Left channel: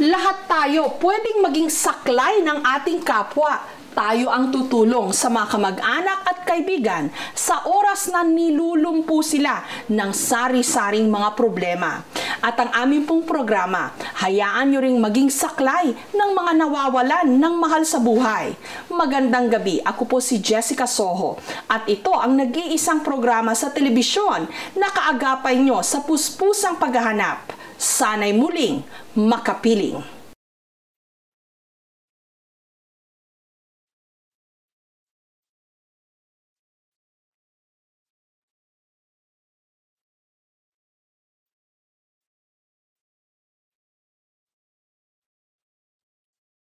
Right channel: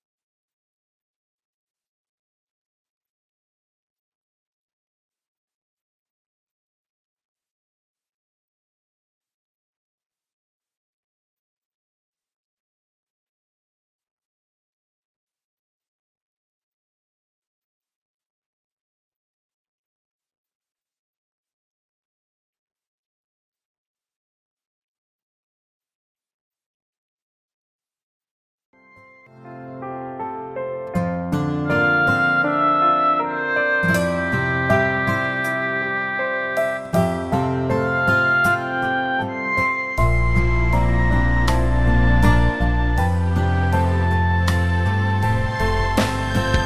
Lahat tayo pwedeng maging saklay ng ating kapwa. Tayo ang tutulong sa mga kamag-anak at kaibigan sa oras na nilulumpo sila ng sari-saring mga problema. At ang aming pong programa, hayaan nyo ring maging saklay ng mga nawawalan ng mahal sa buhay. Magandang gabi, ako po si Jessica Soho at ito ang nag-iisang programa sa telebisyon na kaagapay nyo sa puspusang paghahanap. Sana'y muling makapiling.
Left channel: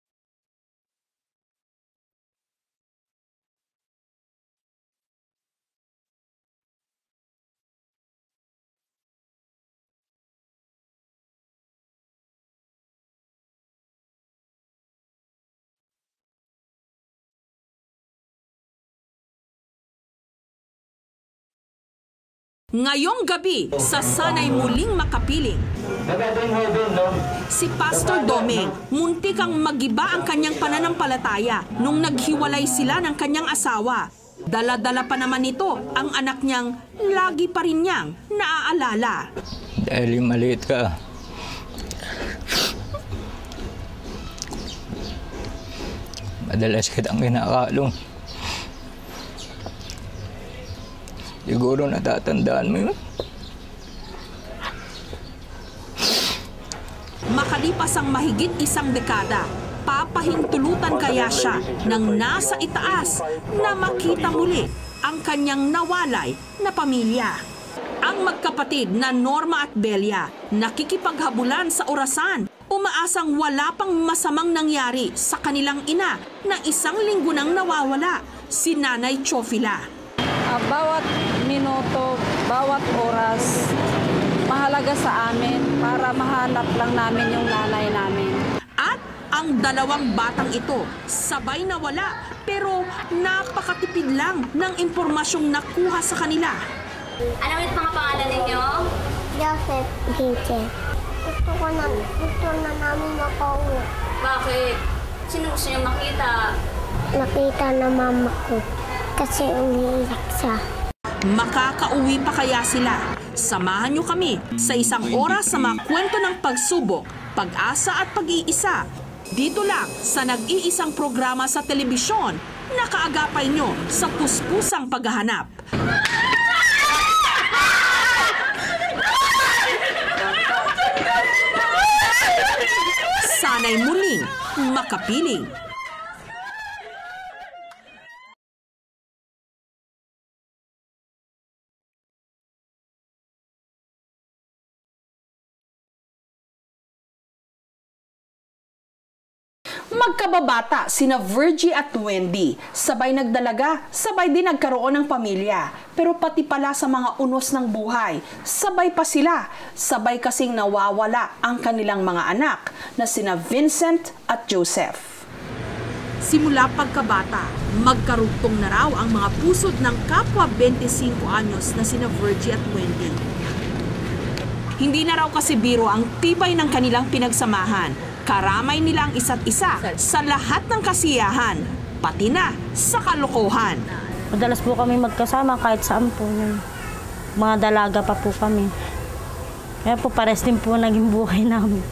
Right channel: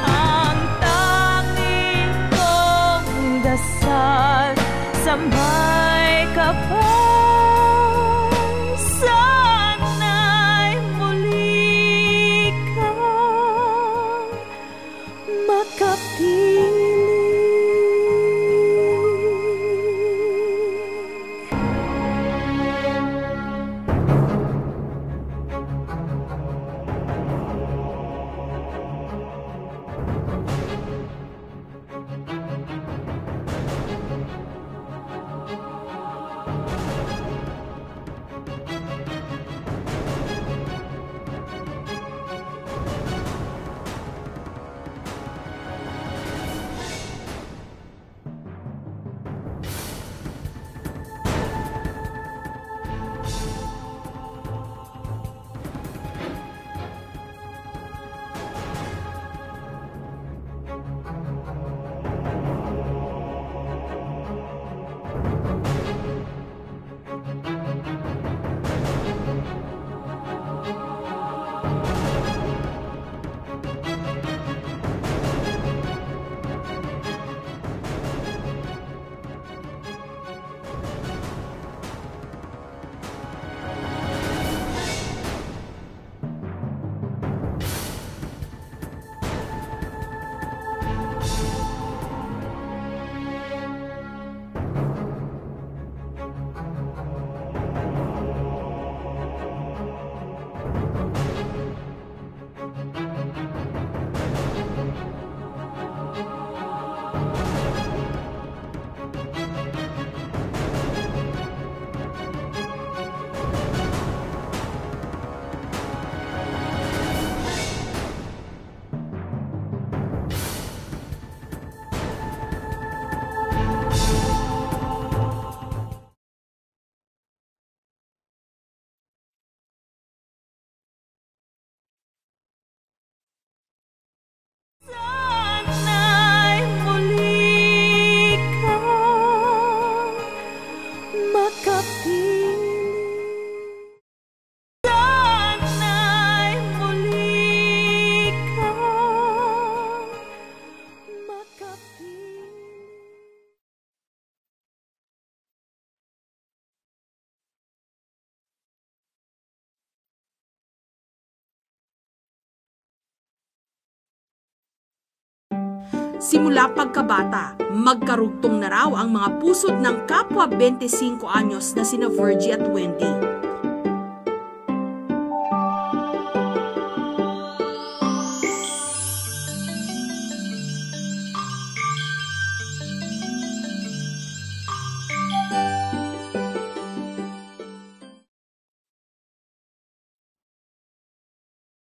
Ang tanging kong dasal sa may kapal. Ngayong gabi sa Sana'y Muling Makapiling, si Pastor Domeng muntik ang magiba ang kanyang pananampalataya nung naghiwalay sila ng kanyang asawa. Dala-dala pa naman nito ang anak niyang lagi pa rin niyang naaalala. Dahil yung maliit ka, madalas kitang kinakalong. Siguro natatandaan mo yun. Makalipas ang mahigit isang dekada, papahintulutan kaya siya ng nasa itaas na makita muli ang kanyang nawalay na pamilya. Ang magkapatid na Norma at Belia nakikipaghabulan sa orasan, umaasang wala pang masamang nangyari sa kanilang ina na isang linggo nang nawawala, si Nanay Chofila. Bawat minuto, bawat oras, mahalaga sa amin para mahanap lang namin yung nanay namin. At ang dalawang batang ito, sabay nawala pero napakatipid lang ng impormasyong nakuha sa kanila. Ano ulit mga pangalan ninyo? Joseph Gage. Gusto na namin makauwi. Bakit? Sino gusto niyo makita? Nakita na mama ko kasi umiiyak siya. Makakauwi pa kaya sila? Samahan niyo kami sa isang oras sa mga kwento ng pagsubok, pag-asa at pag-iisa. Dito lang sa nag-iisang programa sa telebisyon na kaagapay nyo sa puspusang paghahanap. Sana'y muling makapiling. Sana'y muli kang makapiling. Sana'y muli kang... Magkababata sina Virgie at Wendy, sabay nagdalaga, sabay din nagkaroon ng pamilya. Pero pati pala sa mga unos ng buhay, sabay pa sila. Sabay kasing nawawala ang kanilang mga anak na sina Vincent at Joseph. Simula pagkabata, magkarugtong na raw ang mga pusod ng kapwa 25 anyos na sina Virgie at Wendy. Hindi na raw kasi biro ang tibay ng kanilang pinagsamahan. Karamay nila ang isa't isa sa lahat ng kasiyahan, pati na sa kalokohan. Madalas po kami magkasama kahit saan po yun. Mga dalaga pa po kami. Kaya po pares din po naging buhay namin.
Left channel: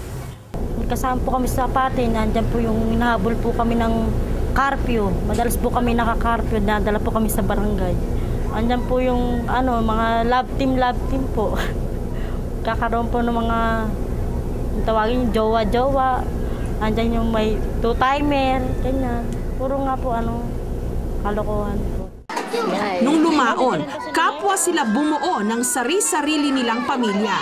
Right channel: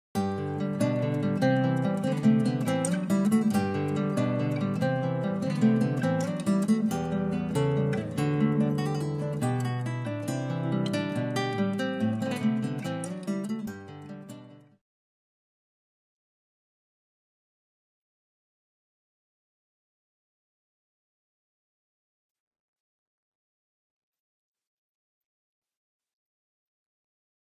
Kasama po kami sa party, nandiyan po yung hinahabol po kami ng curfew. Madalas po kami naka-curfew, nadala po kami sa barangay. Andiyan po yung mga love team po. Kakaroon po ng mga tawagin yung jowa-jowa. Andiyan yung may two-timer, ganyan. Puro nga po kalokohan po. Nung lumaon, kapwa sila bumuo ng sari-sarili nilang pamilya.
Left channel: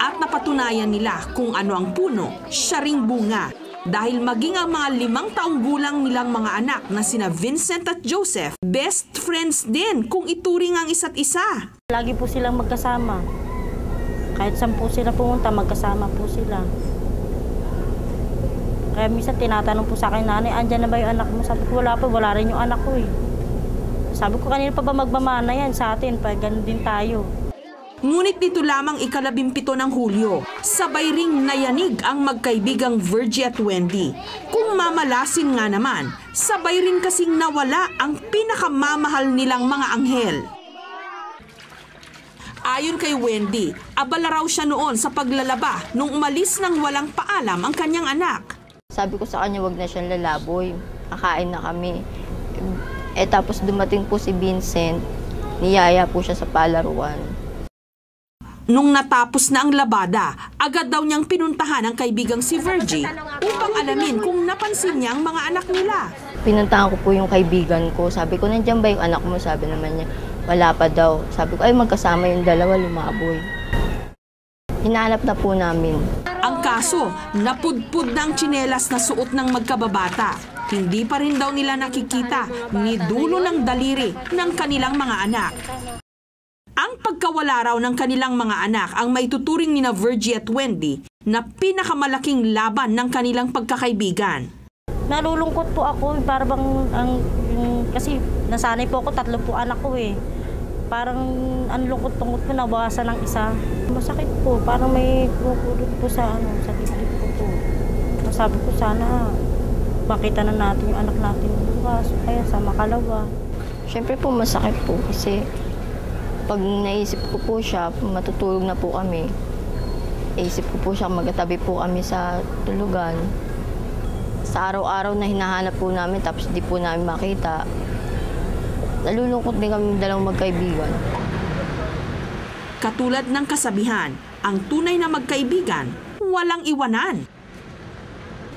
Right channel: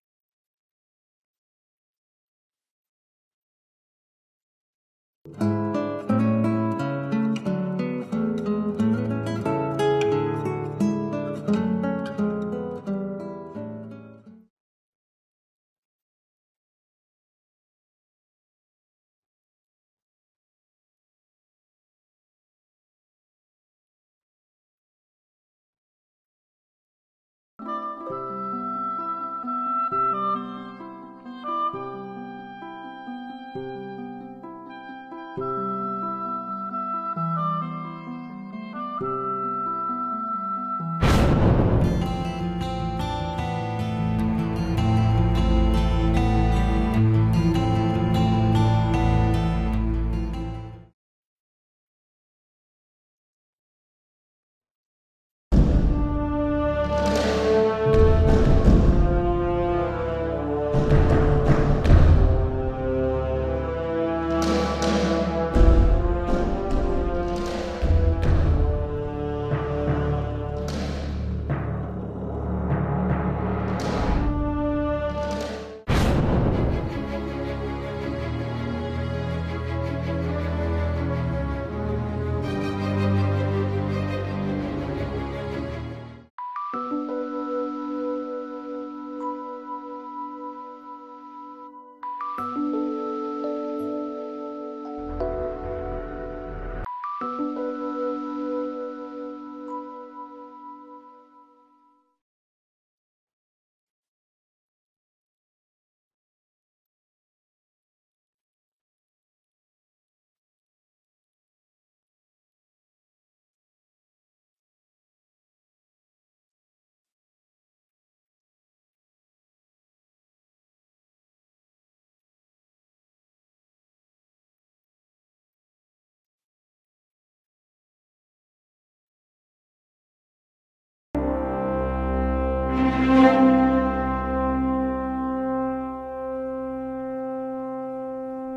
At napatunayan nila kung ano ang puno, siya ring bunga. Dahil maging ang mga 5 taong gulang nilang mga anak na sina Vincent at Joseph, best friends din kung ituring ang isa't isa. Lagi po silang magkasama. Kahit saan po sila pumunta, magkasama po sila. Kaya minsan tinatanong po sa akin, nanay, andyan na ba yung anak mo? Sabi ko, wala po, wala rin yung anak ko eh. Sabi ko, kanina pa ba magmamana yan sa atin? Pa, ganun din tayo. Ngunit dito lamang ika-17 ng Hulyo, sabay ring nayanig ang magkaibigang Virgie at Wendy. Kung mamalasin nga naman, sabay rin kasing nawala ang pinakamamahal nilang mga anghel. Ayon kay Wendy, abala raw siya noon sa paglalaba nung umalis nang walang paalam ang kanyang anak. Sabi ko sa kanya, wag na siyang lalaboy. Kakain na kami. Tapos dumating po si Vincent, niyaya po siya sa palaruan. Nung natapos na ang labada, agad daw niyang pinuntahan ang kaibigang si Virgie upang alamin kung napansin niya ang mga anak nila. Pinuntahan ko po yung kaibigan ko. Sabi ko, nandiyan ba yung anak mo? Sabi naman niya, wala pa daw. Sabi ko, ay magkasama yung dalawa, lumaboy. Hinahanap na po namin. Ang kaso, napudpud na ang tsinelas na suot ng magkababata. Hindi pa rin daw nila nakikita ni dulo ng daliri ng kanilang mga anak. Ang pagkawala raw ng kanilang mga anak ang maituturing ni na Virgie at Wendy na pinakamalaking laban ng kanilang pagkakaibigan. Nalulungkot po ako, parang kasi nasanay po ako, 3 po anak ko eh. Parang ang lungkot-tungkot po, nabawasan ng isa. Masakit po, parang may kukulot po sa dibdib ko po. Sabi ko sana makita na natin yung anak natin bukas, kaya sa makalawa. Siyempre po masakit po kasi pag naisip ko po siya, matutulog na po kami. Isip ko po siya, magkatabi po kami sa tulugan. Sa araw-araw na hinahanap po namin tapos di po namin makita. Nalulungkot din kami dalawang magkaibigan. Katulad ng kasabihan, ang tunay na magkaibigan, walang iwanan.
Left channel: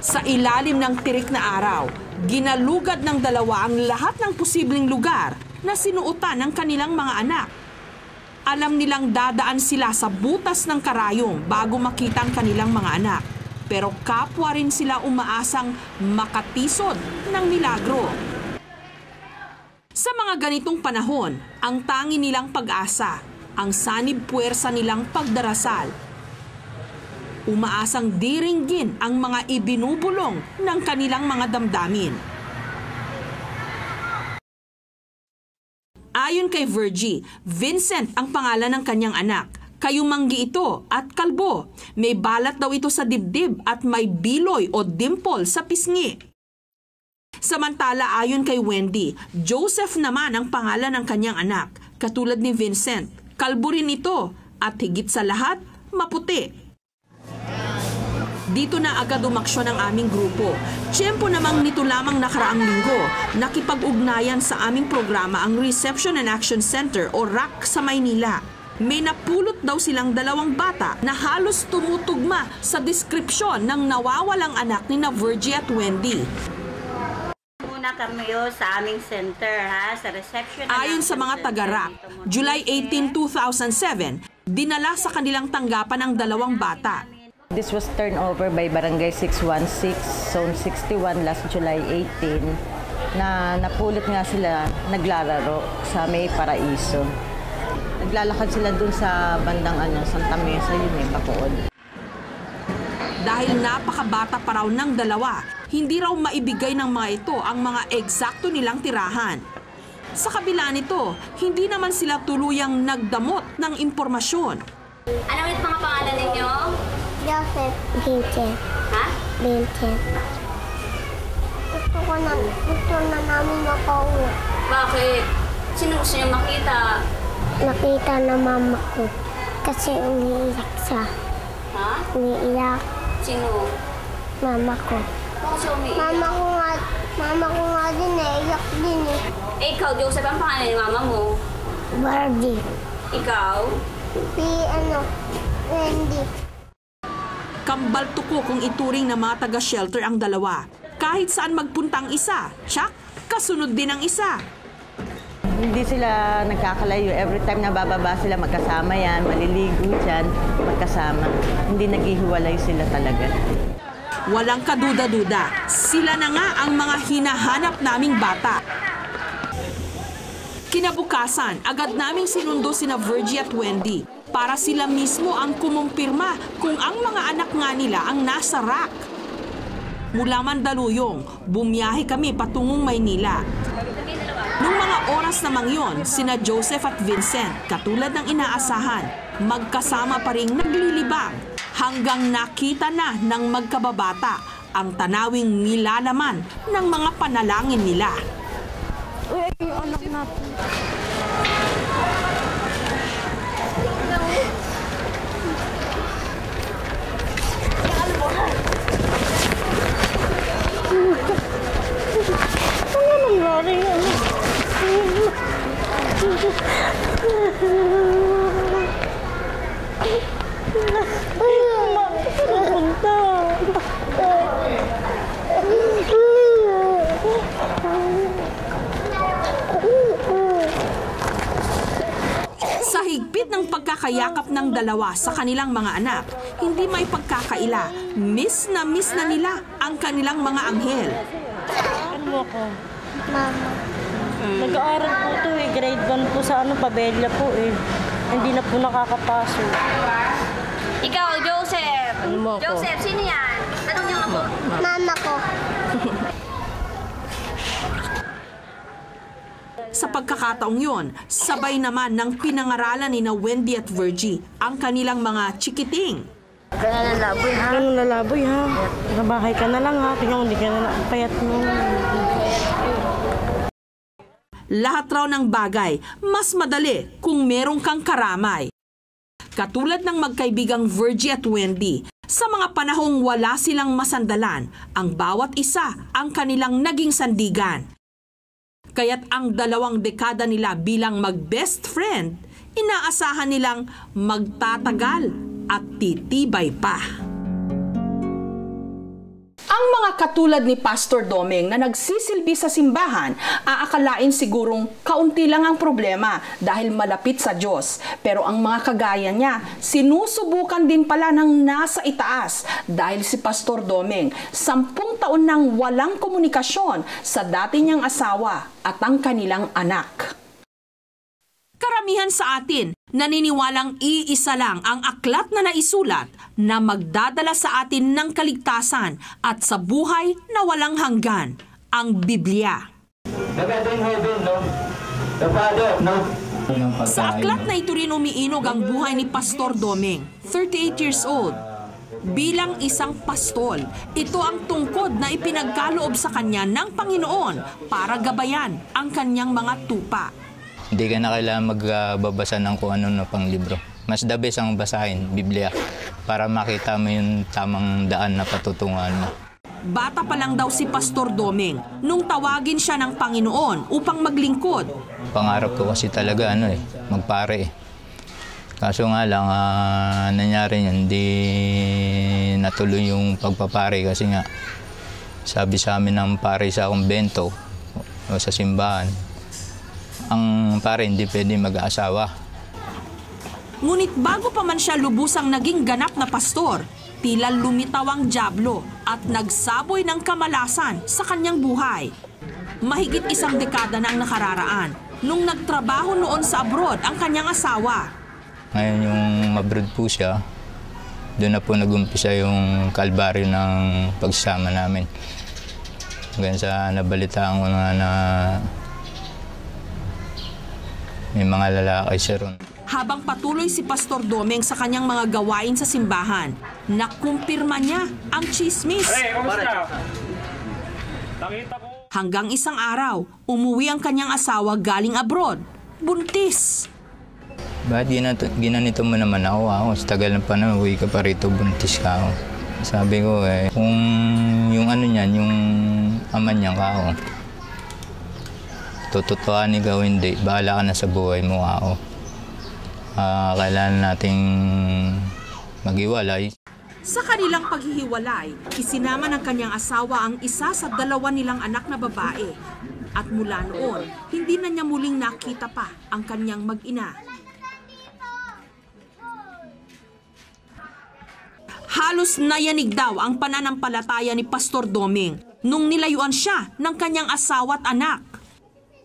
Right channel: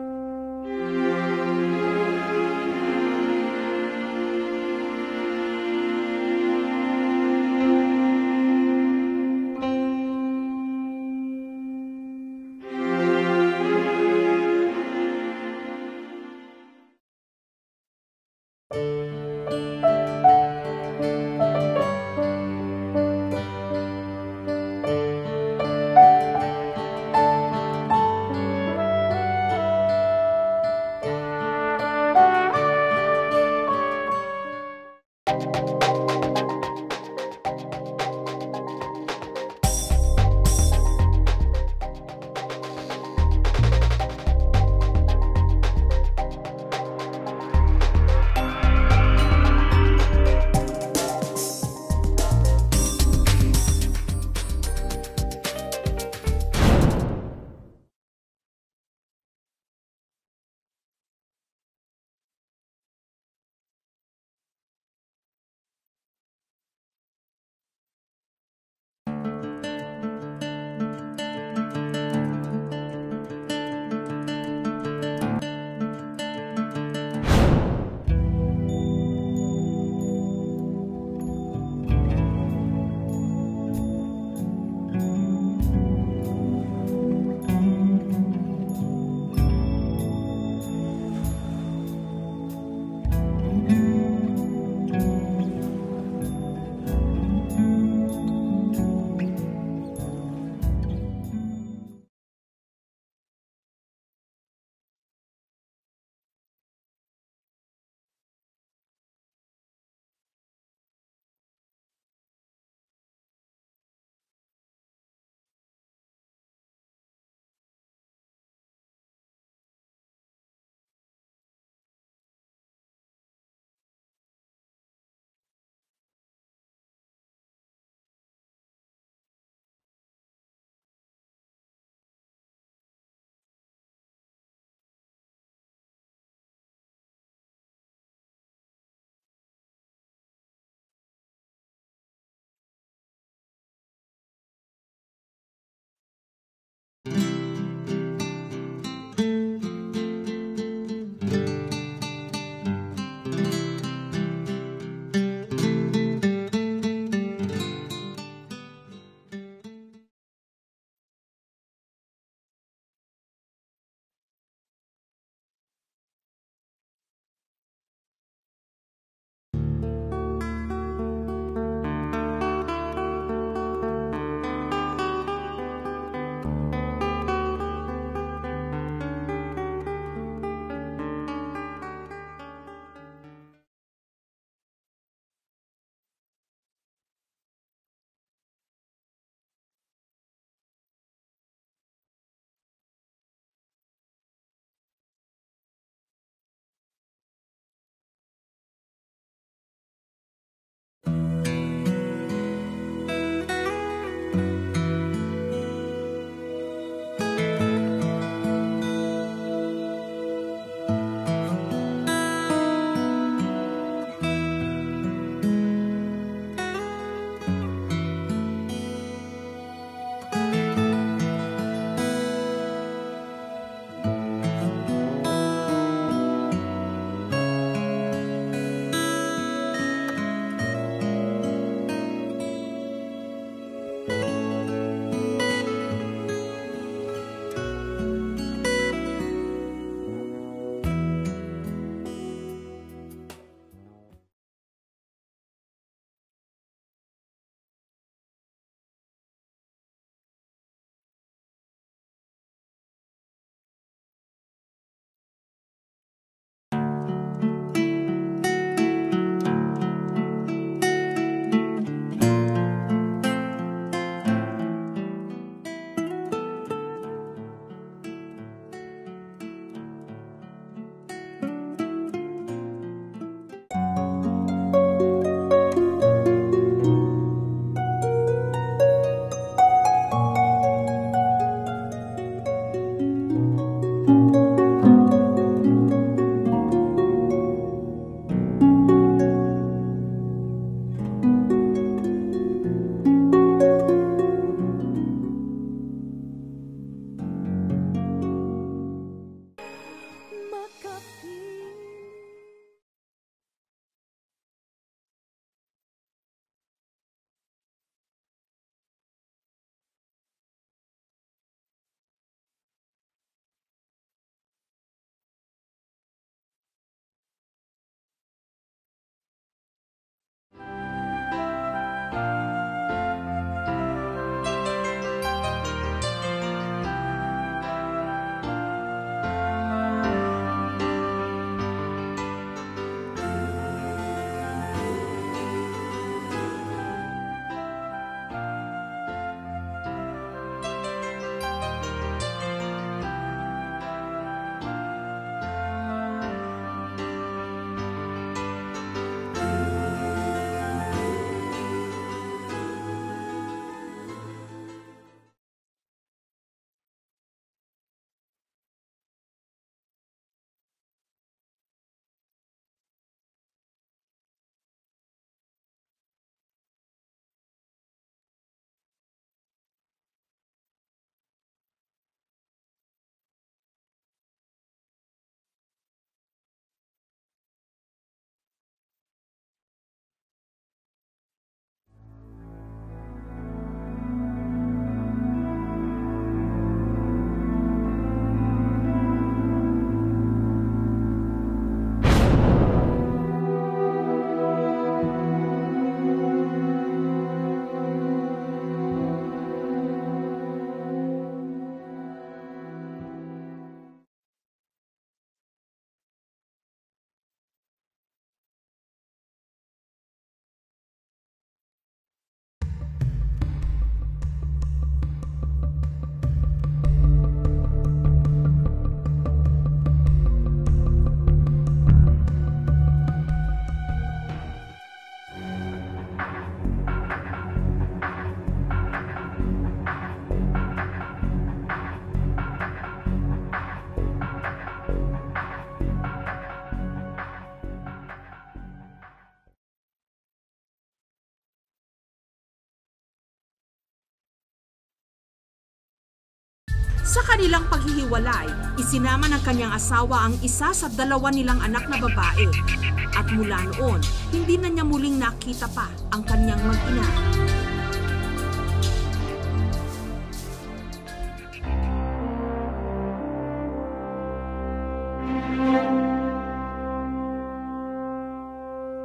Sa ilalim ng tirik na araw, ginalugad ng dalawa ang lahat ng posibleng lugar na sinuotan ng kanilang mga anak. Alam nilang dadaan sila sa butas ng karayong bago makita ang kanilang mga anak. Pero kapwa rin sila umaasang makatisod ng milagro. Sa mga ganitong panahon, ang tangi nilang pag-asa, ang sanib puwersa nilang pagdarasal. Umaasang diringgin ang mga ibinubulong ng kanilang mga damdamin. Ayon kay Virgie, Vincent ang pangalan ng kanyang anak. Kayumanggi ito at kalbo. May balat daw ito sa dibdib at may biloy o dimple sa pisngi. Samantala ayon kay Wendy, Joseph naman ang pangalan ng kanyang anak. Katulad ni Vincent, kalbo rin ito at higit sa lahat, maputi. Dito na agad umaksyon ang aming grupo. Tiyempo namang nito lamang nakaraang linggo, nakipag-ugnayan sa aming programa ang Reception and Action Center o RAC sa Maynila. May napulot daw silang 2 bata na halos tumutugma sa deskripsyon ng nawawalang anak ni na Virgie at Wendy. Muna kami sa aming center, sa reception. Ayon sa mga taga-RAC, July 18, 2007, dinala sa kanilang tanggapan ang 2 bata. This was turned over by Barangay 616, Zone 61 last July 18, na napulot nga sila naglalaro sa May Paraiso. Naglalakad sila dun sa bandang Santa Mesa, yun may Bacood. Dahil napakabata pa raw ng 2, hindi raw maibigay ng mga ito ang mga eksakto nilang tirahan. Sa kabila nito, hindi naman sila tuluyang nagdamot ng impormasyon. Ano ulit mga pangalan ninyo? Joseph, Vincent. Ha? Vincent. Gusto na namin makauwi. Bakit? Sino gusto niyo makita? Nakita na mama ko. Kasi umiiyak siya. Ha? Umiiyak. Sino? Mama ko. Bakit siya umiiyak? Mama ko nga din iyak din eh. Ikaw, Joseph, ang pangalan ni mama mo? Barbie. Ikaw? Wendy. Kambal tuko kung ituring na mga taga-shelter ang 2. Kahit saan magpunta ang isa, tsak, kasunod din ang isa. Hindi sila nagkakalayo. Every time na bababa sila, magkasama yan, maliligo dyan, magkasama. Hindi naghihiwalay sila talaga. Walang kaduda-duda, sila na nga ang mga hinahanap naming bata. Kinabukasan, agad naming sinundo sina Virgie at Wendy para sila mismo ang kumumpirma kung ang mga anak nga nila ang nasa RAC. Mula Mandaluyong, bumiyahe kami patungong Maynila. Nung mga oras namang yon, sina Joseph at Vincent, katulad ng inaasahan, Magkasama pa ring naglilibang hanggang nakita na ng magkababata ang tanawing nilalaman ng mga panalangin nila. Uy, yung anak natin. Ano nangyari yan? Sa higpit ng pagkakayakap ng dalawa sa kanilang mga anak, hindi may pagkakaila. Miss na nila ang kanilang mga anghel. Ano ako? Mama. Nag-aaral po ito eh. Grade 1 po sa Pabella po eh. Hindi na po nakakapasok. Ikaw, Joseph. Ano mo ako? Joseph, sino yan? Tanong niyo nga po. Mama ko. Sa pagkakataong yon, sabay naman ng pinangaralan ni na Wendy at Virgie ang kanilang mga chikiting. Ganun lalaboy ha. Nabahay ka na lang ha. Tingnan mo, hindi ka na payat mo. Lahat raw ng bagay, mas madali kung meron kang karamay. Katulad ng magkaibigang Virgie at Wendy, sa mga panahong wala silang masandalan, ang bawat isa ang kanilang naging sandigan. Kaya't ang 2 dekada nila bilang mag-best friend, inaasahan nilang magtatagal at titibay pa. Ang mga katulad ni Pastor Domeng na nagsisilbi sa simbahan, aakalain sigurong kaunti lang ang problema dahil malapit sa Diyos. Pero ang mga kagaya niya, sinusubukan din pala ng nasa itaas dahil si Pastor Domeng 10 taon nang walang komunikasyon sa dati niyang asawa at ang kanilang anak. Karamihan sa atin naniniwalang iisa lang ang aklat na naisulat na magdadala sa atin ng kaligtasan at sa buhay na walang hanggan, ang Biblia. Sa aklat na ito rin umiinog ang buhay ni Pastor Domeng, 38 years old. Bilang isang pastol, ito ang tungkod na ipinagkaloob sa kanya ng Panginoon para gabayan ang kanyang mga tupa. Hindi ka na kailangan magbabasa ng kung ano na pang libro. Mas the best ang basahin, Biblia, para makita mo yung tamang daan na patutunguhan mo. Bata pa lang daw si Pastor Domeng nung tawagin siya ng Panginoon upang maglingkod. Pangarap ko kasi talaga magpare. Kaso nga lang, nangyari niyan, hindi natuloy yung pagpapare kasi nga sabi sa amin ng pare sa kumbento o sa simbahan, ang pare hindi pwede mag-aasawa. Ngunit bago pa man siya lubusang naging ganap na pastor, tila lumitaw ang dyablo at nagsaboy ng kamalasan sa kanyang buhay. Mahigit 1 dekada nang nakararaan nung nagtrabaho noon sa abroad ang kanyang asawa. Ngayon yung abroad po siya, doon na po nag-umpisa yung kalbaryo ng pagsasama namin. Hanggang sa nabalitaan ko na may mga lalaki siya ron. Habang patuloy si Pastor Domeng sa kanyang mga gawain sa simbahan, nakumpirma niya ang chismis. Hanggang isang araw, umuwi ang kanyang asawa galing abroad, buntis. Bakit ginanito mo naman ako? Sa tagal ng panahon, uwi ka pa rito, buntis ka ako. Sabi ko kung yung niyan, yung ama niya ka ako. Tututuan ikaw hindi, bahala ka na sa buhay mo ako. Kailangan nating maghiwalay. Sa kanilang paghihiwalay, isinama ng kanyang asawa ang isa sa 2 nilang anak na babae. At mula noon, hindi na niya muling nakita pa ang kanyang mag-ina. Halos nayanig daw ang pananampalataya ni Pastor Domeng nung nilayuan siya ng kanyang asawa at anak.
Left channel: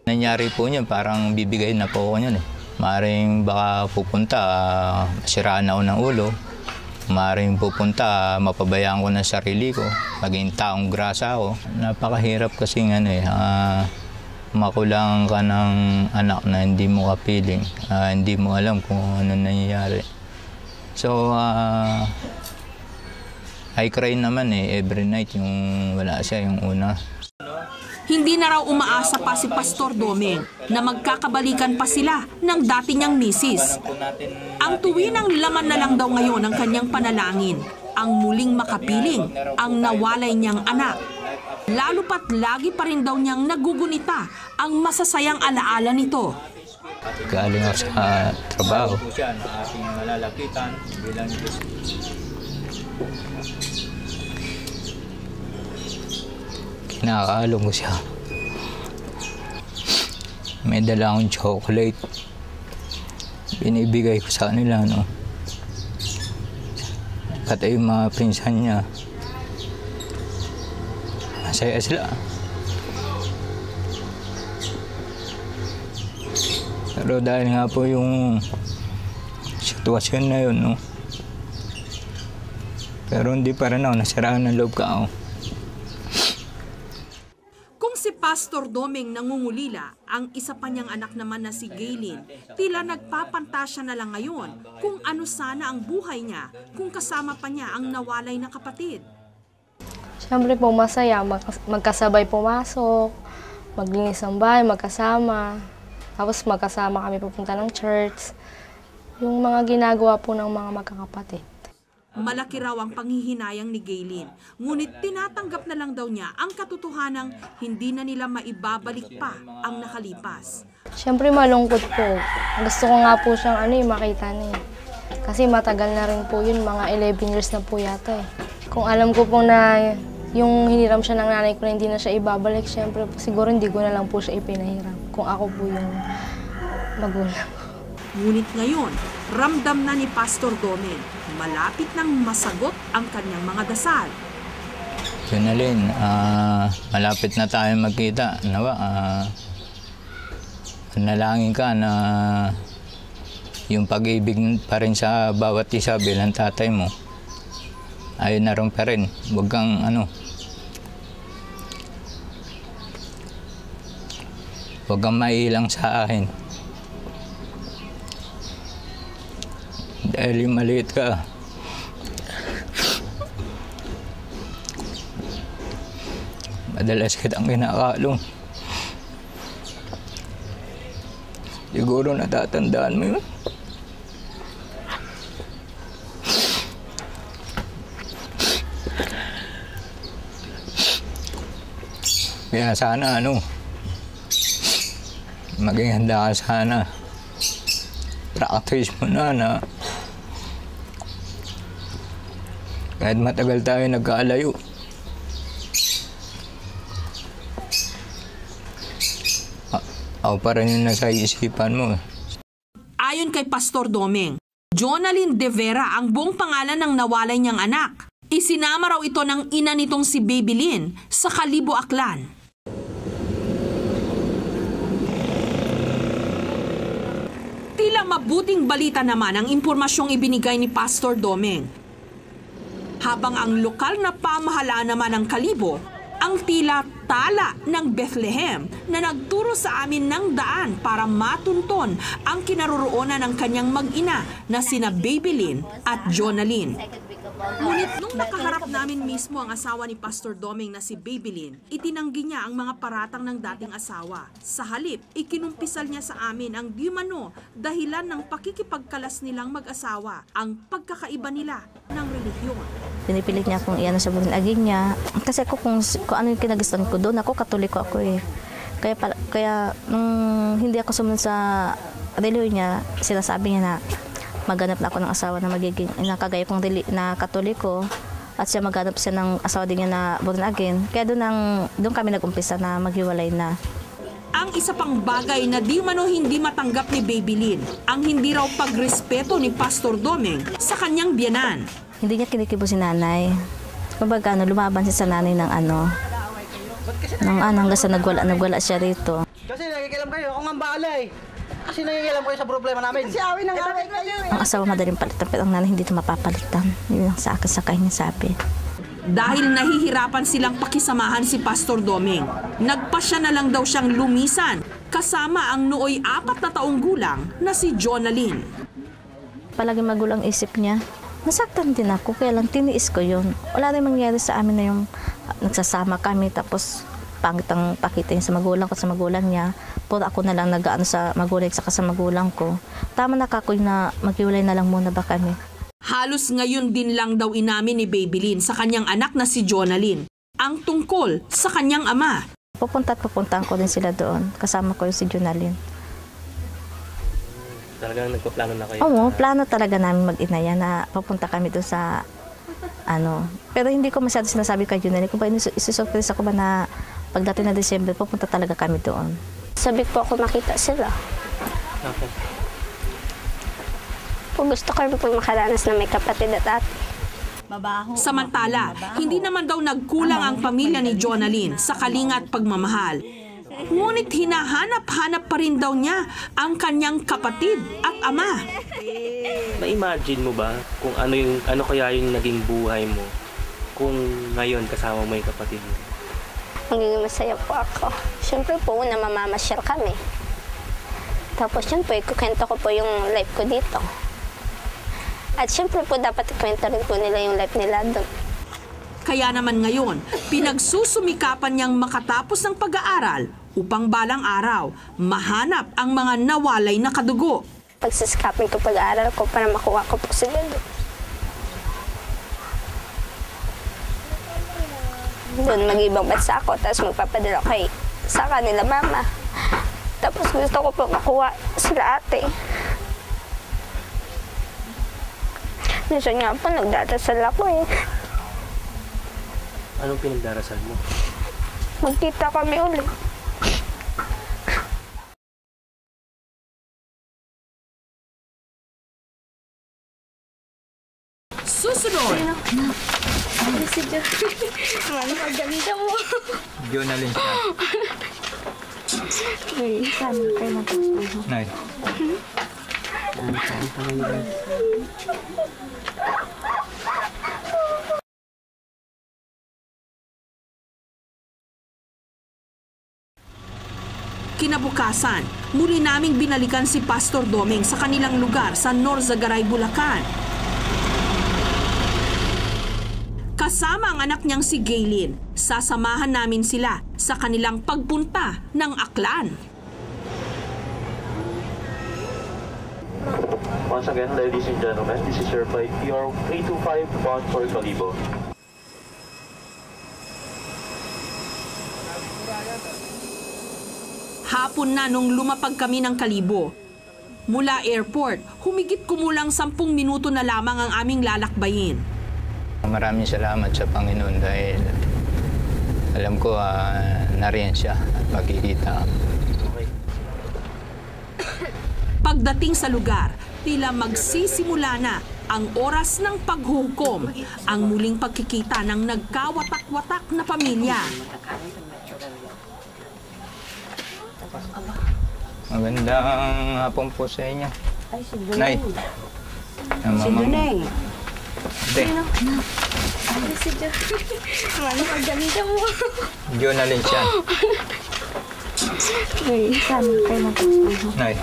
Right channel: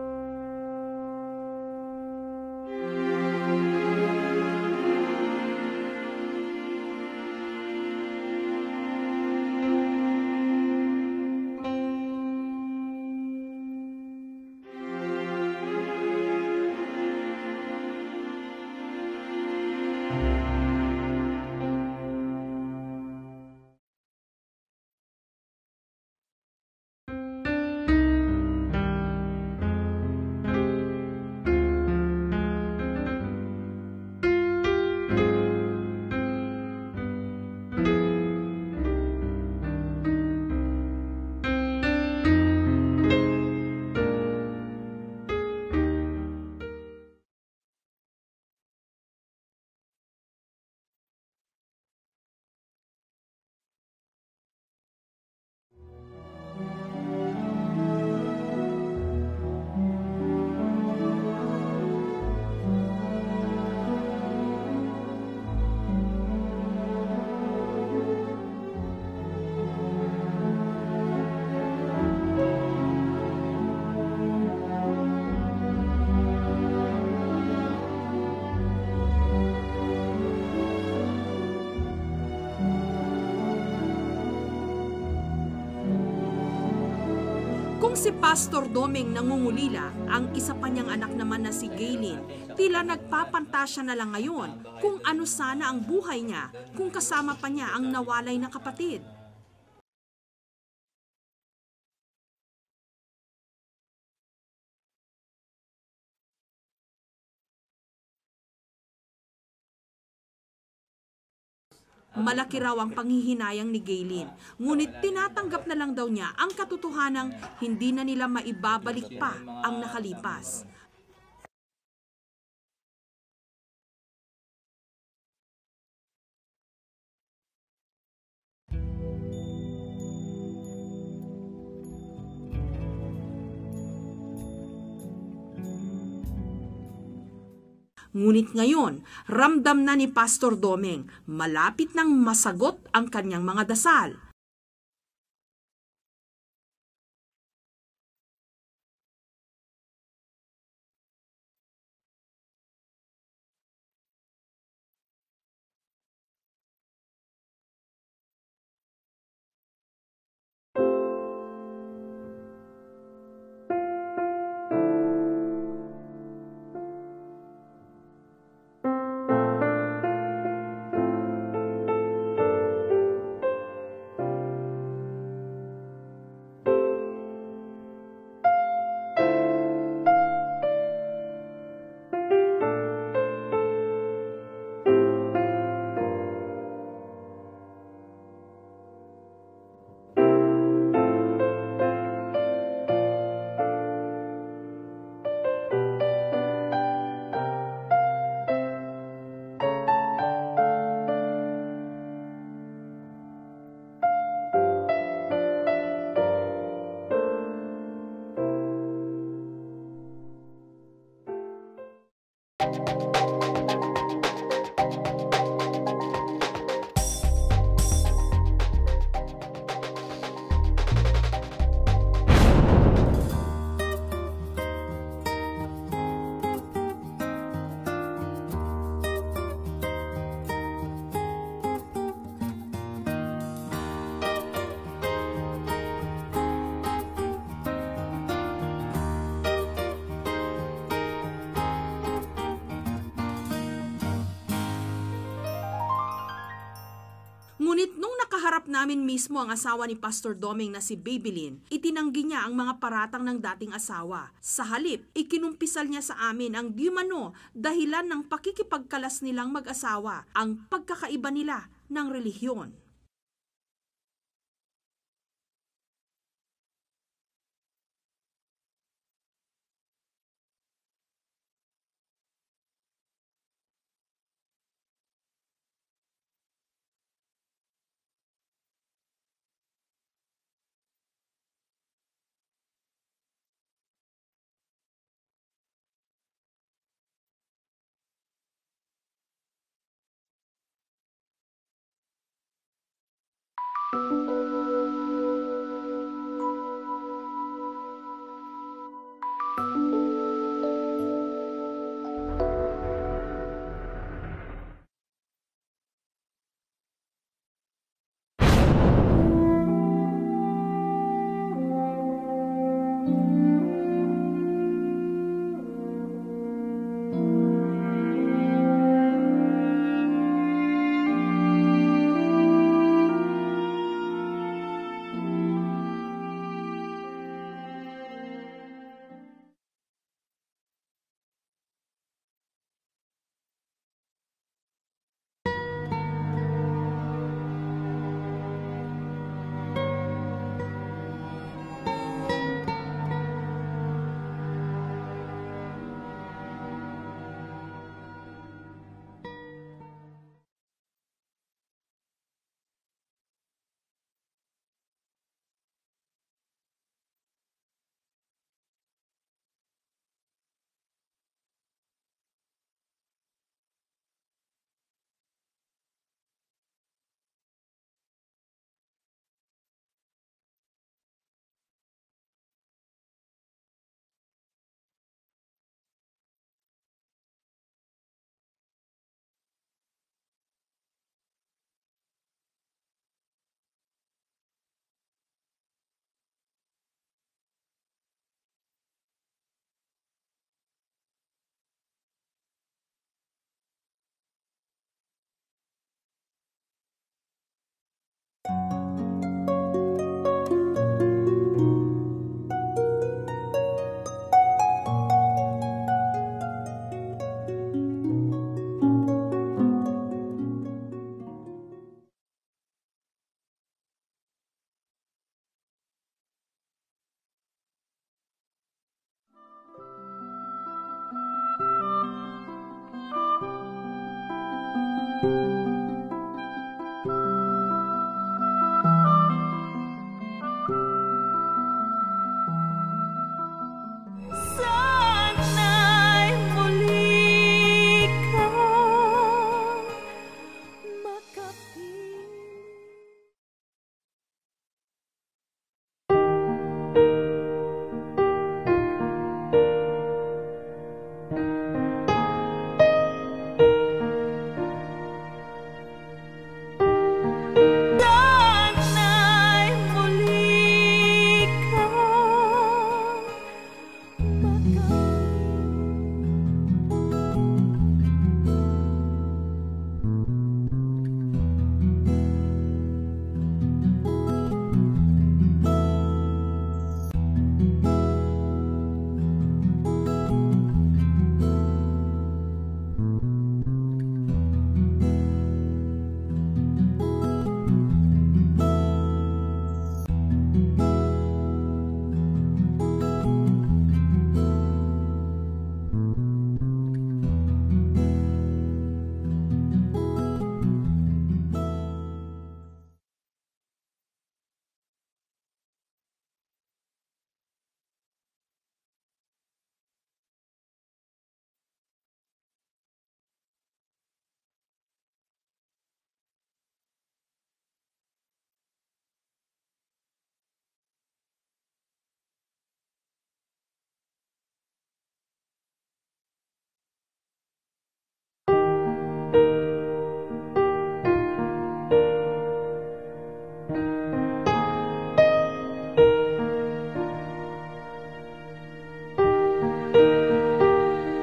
Nangyari po niyan, parang bibigay na po ako niyan Maring baka pupunta, siraan ako ng ulo. Maring pupunta, mapabayaan ko ng sarili ko. Maging taong grasa ako. Napakahirap kasi makulangan ka ng anak na hindi mo kapiling, hindi mo alam kung ano nangyayari. So, I cry naman every night yung wala siya, yung una. Hindi na raw umaasa pa si Pastor Domeng na magkakabalikan pa sila ng dati niyang misis. Ang tuwinang laman na lang daw ngayon ang kanyang panalangin, ang muling makapiling, ang nawalay niyang anak. Lalo pat lagi pa rin daw niyang nagugunita ang masasayang alaala nito. Galing ako sa trabaho. Kinakalo ko siya. May dala akong chocolate. Binibigay ko sa kanila, no? Pati yung mga pinsan niya. Masaya sila. Pero dahil nga po yung sitwasyon na yun, no? Pero hindi pa rin ako nasiraan ng loob ka ako. Kung si Pastor Domeng nangungulila, ang isa pa niyang anak naman na si Gaylene, tila nagpapantasya na lang ngayon kung ano sana ang buhay niya kung kasama pa niya ang nawalay na kapatid. Siyempre po masaya, magkasabay pumasok, maglinis ng bahay, magkasama. Tapos magkasama kami pupunta ng church. Yung mga ginagawa po ng mga magkakapatid. Malaki raw ang panghihinayang ni Gaylene, ngunit tinatanggap na lang daw niya ang katotohanang hindi na nila maibabalik pa ang nakalipas. Siyempre malungkot po. Gusto ko nga po siyang makita niya. Kasi matagal na rin po yun, mga 11 years na po yata eh. Kung alam ko po na yung hiniram siya ng nanay ko na hindi na siya ibabalik, siyempre siguro hindi ko na lang po siya ipinahiram kung ako po yung magulang. Ngunit ngayon, ramdam na ni Pastor Domeng, malapit nang masagot ang kanyang mga dasal. Jonalyn, malapit na tayo magkita. Nawa, nalangin ka na yung pag-ibig pa rin sa bawat isa bilang tatay mo, ay naroon pa rin. Huwag kang huwag kang mailang sa akin. Dahil yung maliit ka, madalas kitang kinakalong. Siguro natatandaan mo yun. Kaya sana maging handa ka sana. Practice mo na kahit matagal tayo nagkaalayo. Ako pa rin yung nasa isipan mo. Ayon kay Pastor Domeng, Jonalyn De Vera ang buong pangalan ng nawalay niyang anak. Isinama raw ito ng ina nitong si Babylyn sa Kalibo, Aklan. Tila mabuting balita naman ang impormasyong ibinigay ni Pastor Domeng. Habang ang lokal na pamahalaan naman ng Kalibo, ang tila tala ng Bethlehem na nagturo sa amin ng daan para matunton ang kinaroroonan ng kanyang mag-ina na sina Babylyn at Jonalyn. Ngunit nung nakaharap namin mismo ang asawa ni Pastor Domeng na si Babylyn, itinanggi niya ang mga paratang ng dating asawa. Sa halip, ikinumpisal niya sa amin ang di umano dahilan ng pakikipagkalas nilang mag-asawa, ang pagkakaiba nila ng relihiyon. Pinipilit niya kung iyan sa buong aging niya. Kasi ako kung ano yung kinagustuhan ko doon, ako Katoliko ako eh. Kaya nung hindi ako sumunod sa relihiyon niya, sinasabi niya na maghanap na ako ng asawa na magiging nakagaya kong na Katoliko at siya maghanap siya ng asawa din niya na born again. Kaya doon kami nag-umpisa na maghiwalay na. Ang isa pang bagay na di mano hindi matanggap ni Babylyn, ang hindi raw pagrespeto ni Pastor Domeng sa kanyang biyanan. Hindi niya kinikibo si nanay. Kumbaga lumaban siya sa nanay ng hanggang sa nagwala siya rito. Kasi nakikilam kayo, ako ang bahala eh. Kasi nakikilam kayo sa problema namin. Si awin ng awin kayo eh. Ang asawa madaling palitan, pero ang nanay hindi ito mapapalitan. Yun ang sa akin sa kanya sabi. Dahil nahihirapan silang pakisamahan si Pastor Domeng, Nagpasya na lang daw siyang lumisan kasama ang nooy 4 na taong gulang na si Jonalyn. Palagi magulang isip niya. Nasaktan din ako, kaya lang tiniis ko yun. Wala rin mangyari sa amin na yung nagsasama kami, tapos pangit ang pakita niya sa magulang ko, sa magulang niya. Puro ako na lang nag-aano sa magulang saka sa magulang ko. Tama na kakoy na maghiwalay na lang muna ba kami. Halos ngayon din lang daw inamin ni Babylin sa kanyang anak na si Jonalyn ang tungkol sa kanyang ama. Pupuntahan ko din sila doon. Kasama ko yung si Jonalyn. Talagang nagpaplano na kayo? Oo, plano talaga namin mag-inaya na papunta kami doon sa ano. Pero hindi ko masyado sinasabi kay Jonalyn. Kung ba isusurprise ako ba na pagdating na December, pupunta talaga kami doon. Sabi ko ako makita sila. Okay. Kung gusto ko rin po makaranas na may kapatid at ate. Samantala, hindi naman daw nagkulang ang pamilya ni Jonalyn sa kalinga at pagmamahal. Ngunit hinahanap-hanap pa rin daw niya ang kanyang kapatid at ama. Na-imagine mo ba kung ano kaya yung naging buhay mo kung ngayon kasama mo yung kapatid mo? Magiging masaya po ako. Siyempre po, una mamamasyal kami. Tapos yun po, ikukwento ko po yung life ko dito. At siyempre po, dapat ikwento rin po nila yung life nila doon. Kaya naman ngayon, pinagsusumikapan niyang makatapos ng pag-aaral upang balang araw, mahanap ang mga nawalay na kadugo. Pagsisikapin ko pag-aaral ko para makuha ko po sila doon. Doon mag-ibang bansa ako, tapos magpapadala kay sa kanila mama. Tapos gusto ko po makuha sila ate. Minsan nga po, nagdadasal ako eh. Anong pinagdarasal mo? Magkita kami ulit. Sana'y muli ka. Susunod! Si Jo. Ano ang ganda mo? Jonalyn siya. Saan kayo magkakasama? Nay. Sana'y muli ka. Kinabukasan, muli naming binalikan si Pastor Doming sa kanilang lugar sa Norzagaray, Bulacan. Kasama ang anak niyang si Gaylin, sasamahan namin sila sa kanilang pagpunta ng Aklan. Once again, ladies and gentlemen, this is your flight PR 325 bound for Kalibo. Hapon na nung lumapag kami ng Kalibo. Mula airport, humigit kumulang 10 minuto na lamang ang aming lalakbayin. Maraming salamat sa Panginoon dahil alam ko nariyan siya at magkikita. Pagdating sa lugar, tila magsisimula na ang oras ng paghukom, ang muling pagkikita ng nagkawatak-watak na pamilya. Magandang hapon po sa inyo. Night. Si Duneng. Hindi. Si Jo. Ano ang ganda mo? Jonalyn siya. Saan kayo magkakasama? Night.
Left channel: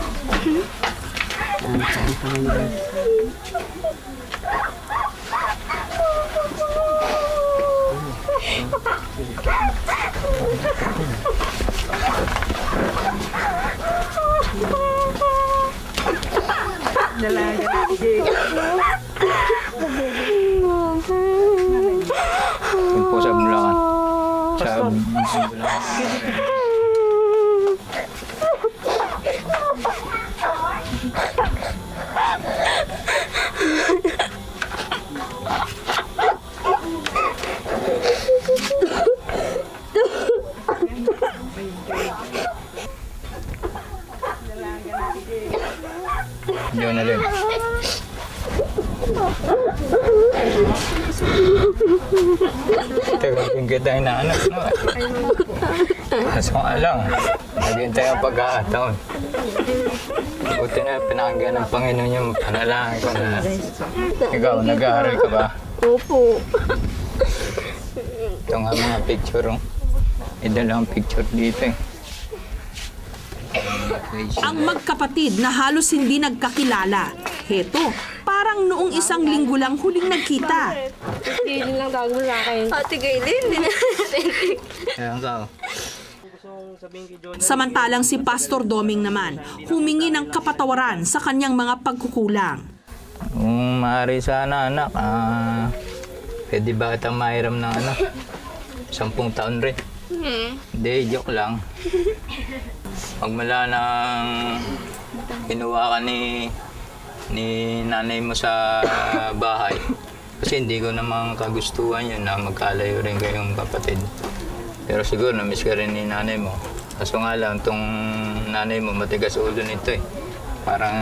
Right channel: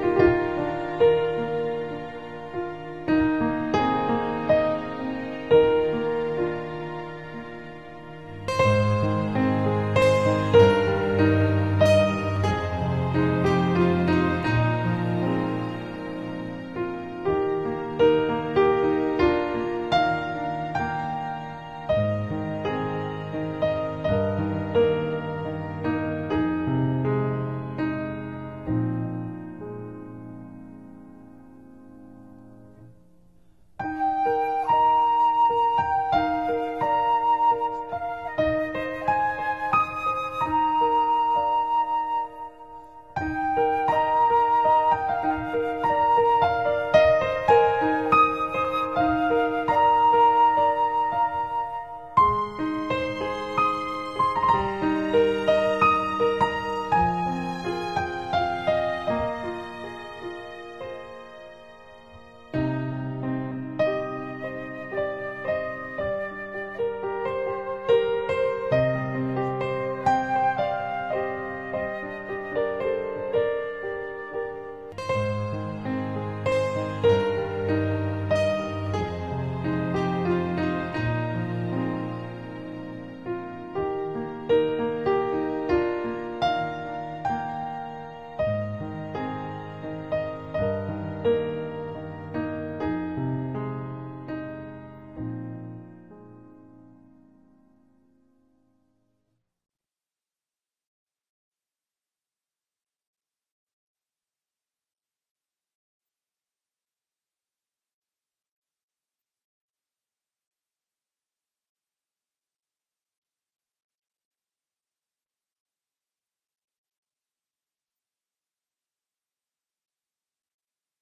Yung po sa Bulacan. Jonalyn. Tagal kong kita na anak mo. Mas kung alam, naghintay ang pag-aataon. Buti na pinakagyan ng Panginoon yung panalangin ko na ikaw, nag-aaral ka ba? Opo. Ito nga mga picture. May dalang picture dito eh. Ang magkapatid na halos hindi nagkakilala. Heto, parang noong isang linggo lang huling nagkita. Hindi lang tago sa akin. Ate Gaylin, hindi na Samantalang si Pastor Doming naman, humingi ng kapatawaran sa kanyang mga pagkukulang. Kung maaari sana anak, pwede ba kitang mahiram ng 10 taon rin? Hindi, joke lang. Pagmala nang kinuha ka ni nanay mo sa bahay, kasi hindi ko namang kagustuhan yun na magkalayo rin kayong kapatid. Pero siguro na-miss ka rin ni nanay mo. Kaso nga lang, itong nanay mo matigas ulo nito eh. Parang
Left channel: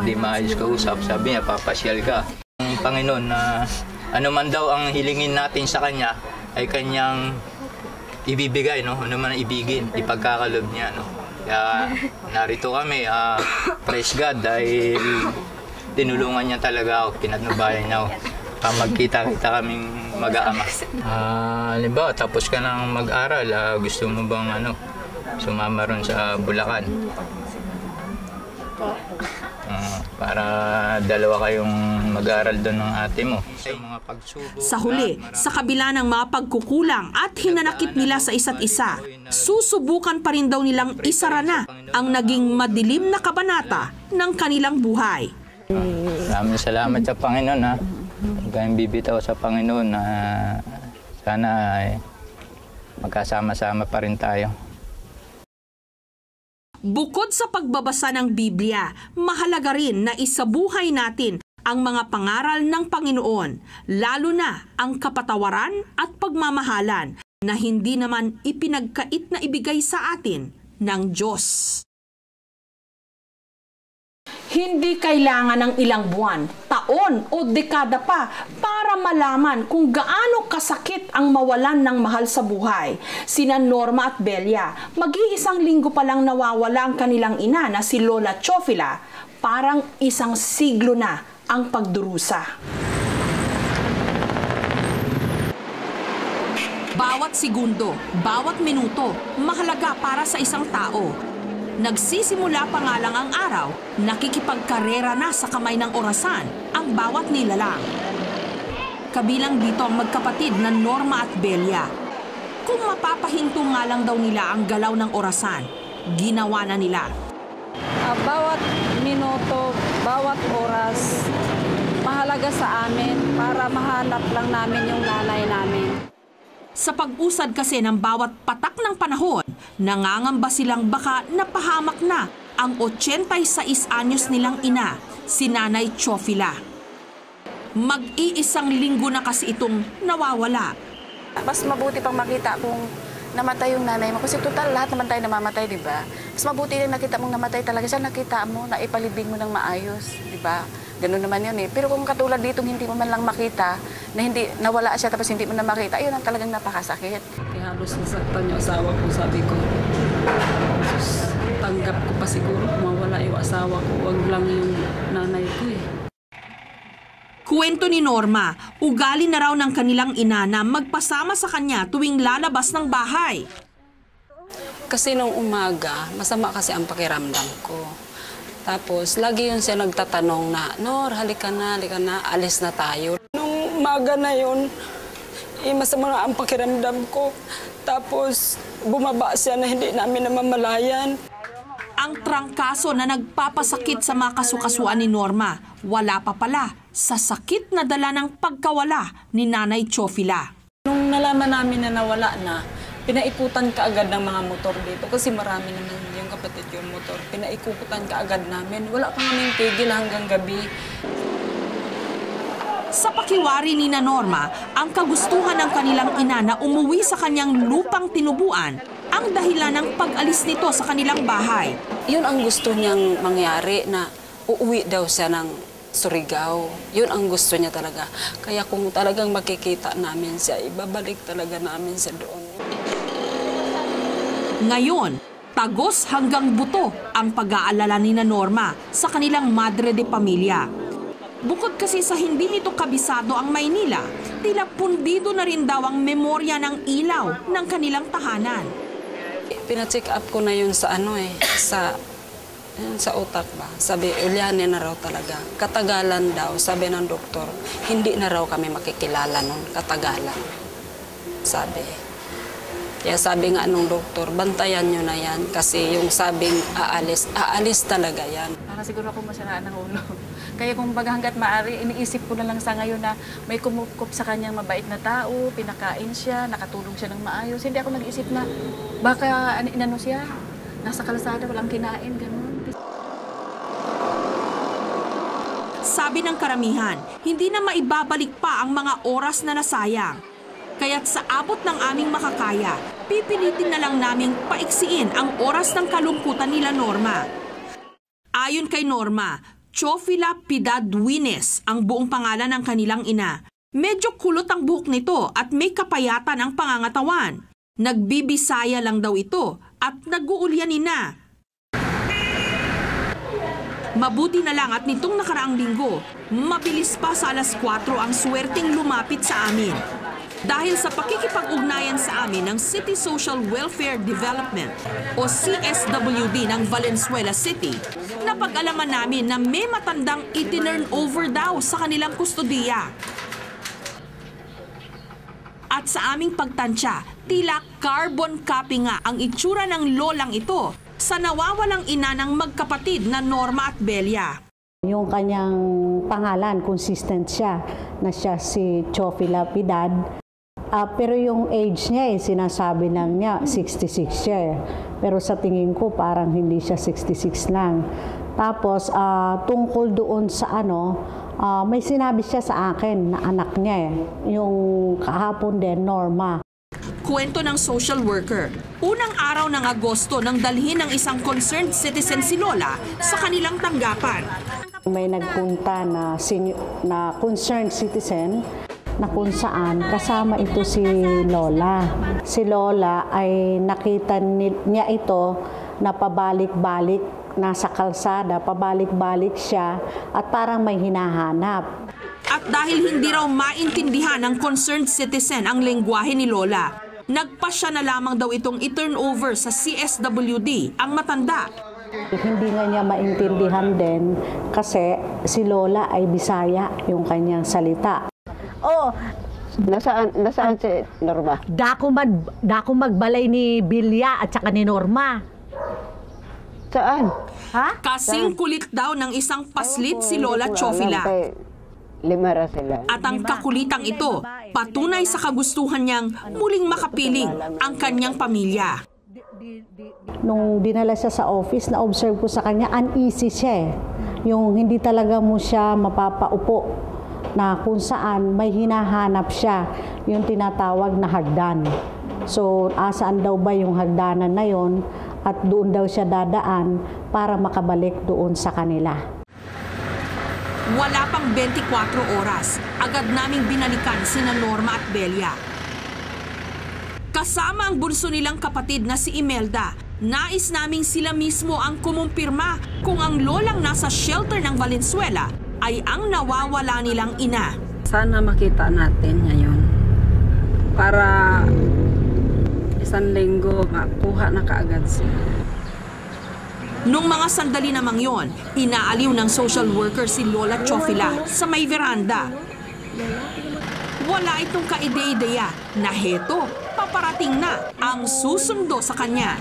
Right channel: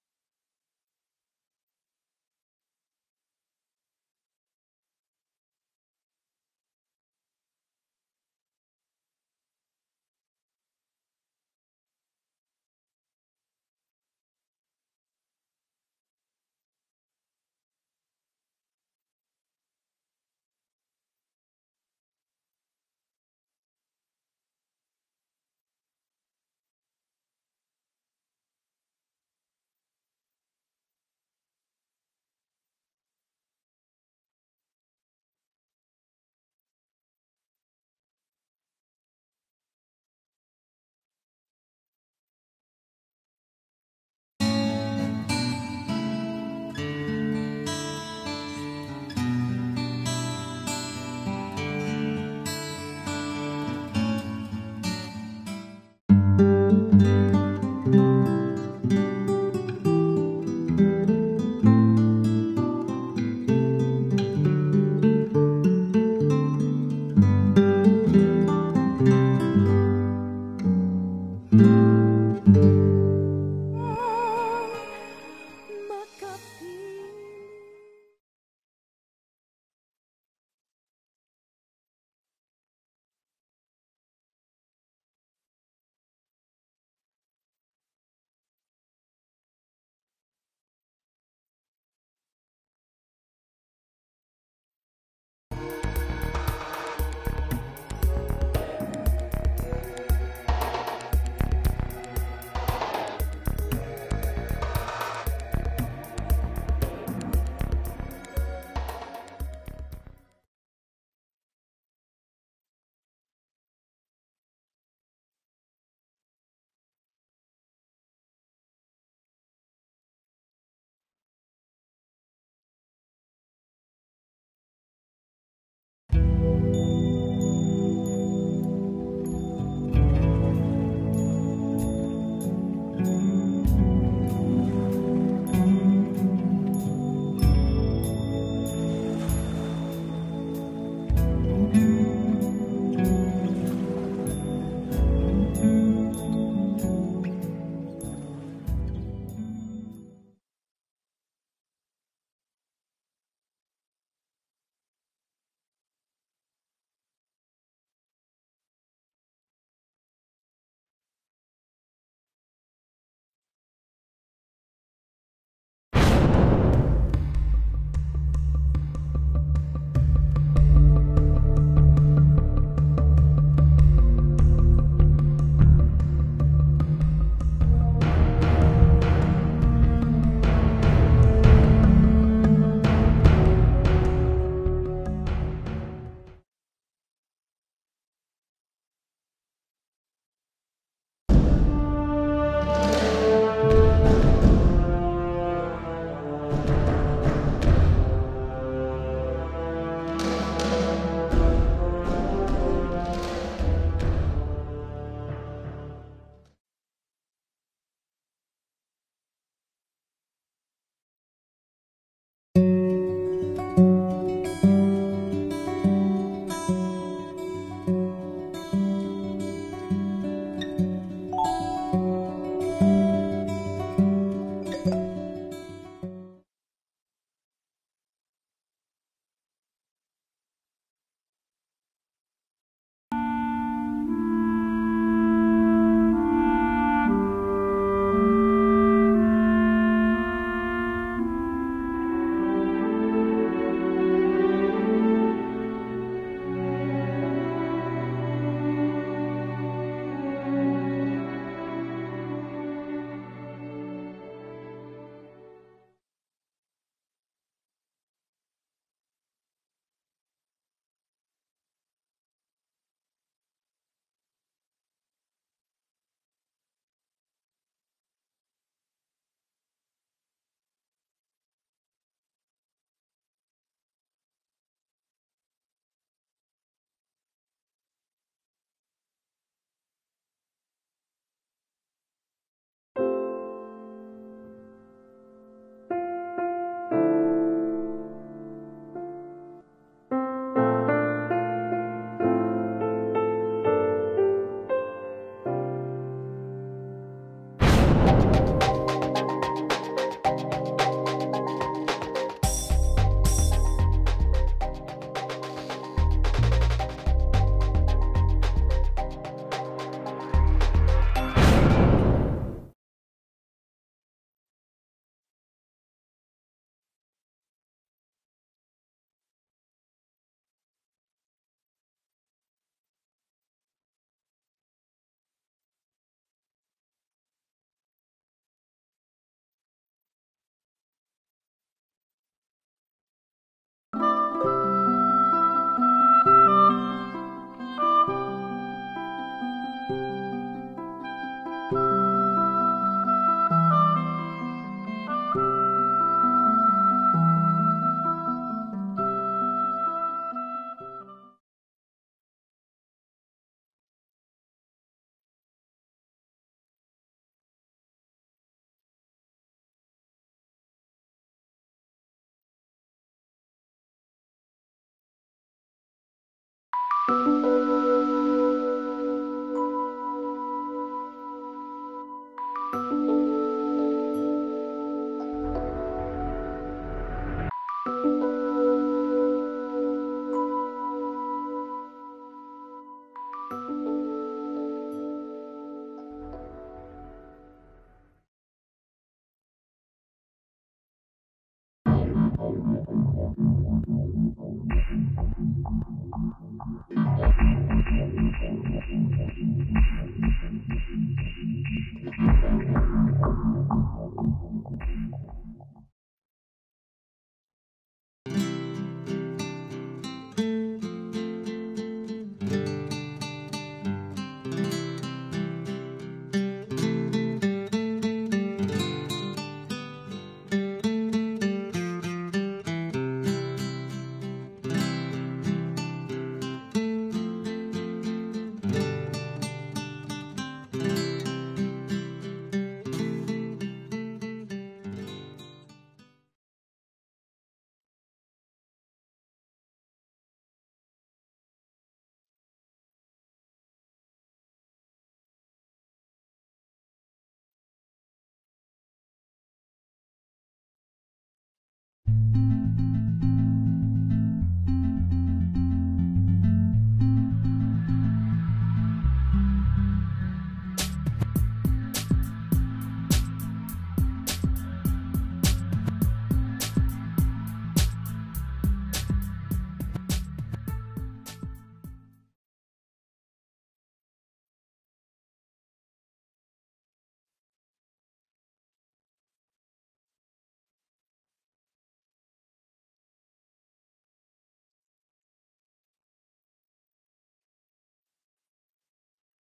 hindi maayos kausap. Sabi niya, papasyal ka. Ang Panginoon na ano man daw ang hilingin natin sa Kanya ay Kanyang ibibigay, no? Ano man ang ibigin, ipagkakalob niya, no? Kaya narito kami, praise God, dahil tinulungan niya talaga ako, pinatnubayan niya ako. Magkita-kita kaming mag-aama. Halimbawa, tapos ka nang mag-aral, gusto mo bang sumama ron sa Bulacan? Para dalawa kayong mag-aaral doon ng ate mo. Sa huli, sa kabila ng mga pagkukulang at hinanakit nila sa isa't isa, susubukan pa rin daw nilang isara na ang naging madilim na kabanata ng kanilang buhay. Maraming salamat sa Panginoon, ha. Huwag kayong bibitaw sa Panginoon na sana magkasama-sama pa rin tayo. Bukod sa pagbabasa ng Biblia, mahalaga rin na isabuhay natin ang mga pangaral ng Panginoon, lalo na ang kapatawaran at pagmamahalan na hindi naman ipinagkait na ibigay sa atin ng Diyos. Hindi kailangan ng ilang buwan, taon o dekada pa para malaman kung gaano kasakit ang mawalan ng mahal sa buhay. Sina Norma at Belia, mag-iisang linggo pa lang nawawala ang kanilang ina na si Lola Chofila. Parang isang siglo na ang pagdurusa. Bawat segundo, bawat minuto, mahalaga para sa isang tao. Nagsisimula pa nga lang ang araw, nakikipagkarera na sa kamay ng orasan ang bawat nilalang. Kabilang dito ang magkapatid na Norma at Belia. Kung mapapahinto nga lang daw nila ang galaw ng orasan, ginawa na nila. Bawat minuto, bawat oras, mahalaga sa amin para mahanap lang namin yung nanay namin. Sa pag-usad kasi ng bawat patak ng panahon, nangangamba silang baka napahamak na ang 86 anyos nilang ina, si Nanay Chofila. Mag-iisang linggo na kasi itong nawawala. Mas mabuti pang makita kung namatay yung nanay mo. Kasi total, lahat naman tayo namamatay, di ba? Mas mabuti rin nakita mong namatay talaga siya, nakita mo, na ipalibing mo ng maayos, di ba? Ganun naman yun eh. Pero kung katulad dito, hindi mo man lang makita, na hindi nawala siya tapos hindi mo na makita, ayun ang talagang napakasakit. Kaya halos nasaktan yung asawa ko, sabi ko. Tanggap ko pa siguro mawala yung asawa ko, wag lang yung nanay ko eh. Kwento ni Norma, ugali na raw ng kanilang ina na magpasama sa kanya tuwing lalabas ng bahay. Kasi nung umaga, masama kasi ang pakiramdam ko. Tapos, lagi yun siya nagtatanong na, Nor, halika na, alis na tayo. Nung umaga na yun, masama na ang pakiramdam ko. Tapos, bumaba siya na hindi namin namamalayan. Ang trangkaso na nagpapasakit sa mga kasukasuan ni Norma, wala pa pala sa sakit na dala ng pagkawala ni Nanay Chofila. Nung nalaman namin na nawala na, pinaikutan ka agad ng mga motor dito kasi marami naman yung kapatid yung motor. Pinaikutan ka agad namin. Wala pa kaming tigil hanggang gabi. Sa pakiwari ni Norma, ang kagustuhan ng kanilang ina na umuwi sa kanyang lupang tinubuan ang dahilan ng pag-alis nito sa kanilang bahay. Yun ang gusto niyang mangyari, na uuwi daw siya ng Surigao. Yun ang gusto niya talaga. Kaya kung talagang makikita namin siya, ibabalik talaga namin siya doon. Ngayon, tagos hanggang buto ang pag-aalala ni Norma sa kanilang madre de pamilya. Bukod kasi sa hindi nito kabisado ang Maynila, tila pundido na rin daw ang memorya ng ilaw ng kanilang tahanan. Pina-check up ko na yun sa sa utak ba. Sabi, ulyanin na raw talaga. Katagalan daw, sabi ng doktor, hindi na raw kami makikilala nun, katagalan. Sabi. Kaya sabi nga nung doktor, bantayan nyo na yan kasi yung sabing aalis talaga yan. Siguro ako masaraan ng ulo. Kaya kung baga hanggat maaari, iniisip ko na lang sa ngayon na may kumukup sa kanyang mabait na tao, pinakain siya, nakatulong siya ng maayos. Hindi ako nag-isip na baka inano siya, nasa kalsada, walang kinain, gano'n. Sabi ng karamihan, hindi na maibabalik pa ang mga oras na nasayang. Kaya't sa abot ng aming makakaya, pipilitin na lang naming paiksiin ang oras ng kalungkutan nila Norma. Ayon kay Norma, Chofila Piedad Duines ang buong pangalan ng kanilang ina. Medyo kulot ang buhok nito at may kapayatan ang pangangatawan. Nagbibisaya lang daw ito at nag-uulyanin na. Mabuti na lang at nitong nakaraang linggo, mabilis pa sa alas 4 ang swerteng lumapit sa amin. Dahil sa pakikipag-ugnayan sa amin ng City Social Welfare Development o CSWD ng Valenzuela City, napag-alaman namin na may matandang itinurn over daw sa kanilang kustodiya. At sa aming pagtansya, tila carbon copy nga ang itsura ng lolang ito sa nawawalang ina ng magkapatid na Norma at Belia. Yung kanyang pangalan, consistent siya, na siya si Chofila Piedad. Pero yung age niya, sinasabi lang niya, 66 siya. Pero sa tingin ko, parang hindi siya 66 lang. Tapos, tungkol doon sa may sinabi siya sa akin na anak niya yung kahapon din, Norma. Kwento ng social worker, unang araw ng Agosto nang dalhin ng isang concerned citizen si Lola sa kanilang tanggapan. May nagpunta na concerned citizen na kung saan kasama ito si Lola. Si Lola ay nakita niya ito na pabalik-balik, nasa kalsada, pabalik-balik siya at parang may hinahanap. At dahil hindi raw maintindihan ng concerned citizen ang lengguwahe ni Lola, nagpasya na lamang daw itong i-turn over sa CSWD ang matanda. Hindi nga niya maintindihan din kasi si Lola ay Bisaya yung kanyang salita. Oh, nasaan si Norma? Dako magbalay ni Bilya at saka ni Norma. Saan? Ha? Kasing kulit daw ng isang paslit si Lola Chofila. Limara sila. At ang kakulitang ito, patunay sa kagustuhan niyang muling makapiling ang kanyang pamilya. Nung dinala siya sa office, na-observe ko sa kanya, uneasy siya. Yung hindi talaga mo siya mapapaupo na kung saan may hinahanap siya, yung tinatawag na hagdan. So, asaan daw ba yung hagdanan na yon at doon daw siya dadaan para makabalik doon sa kanila. Wala pang 24 oras, agad naming binalikan sina Norma at Belia. Kasama ang bunso nilang kapatid na si Imelda, nais naming sila mismo ang kumumpirma kung ang lolang nasa shelter ng Valenzuela ay ang nawawala nilang ina. Sana makita natin ngayon para isang linggo makuha na kaagad siya. Nung mga sandali namang yon, inaaliw ng social worker si Lola Chofila sa may veranda. Wala itong kaide-ideya na heto, paparating na ang susundo sa kanya.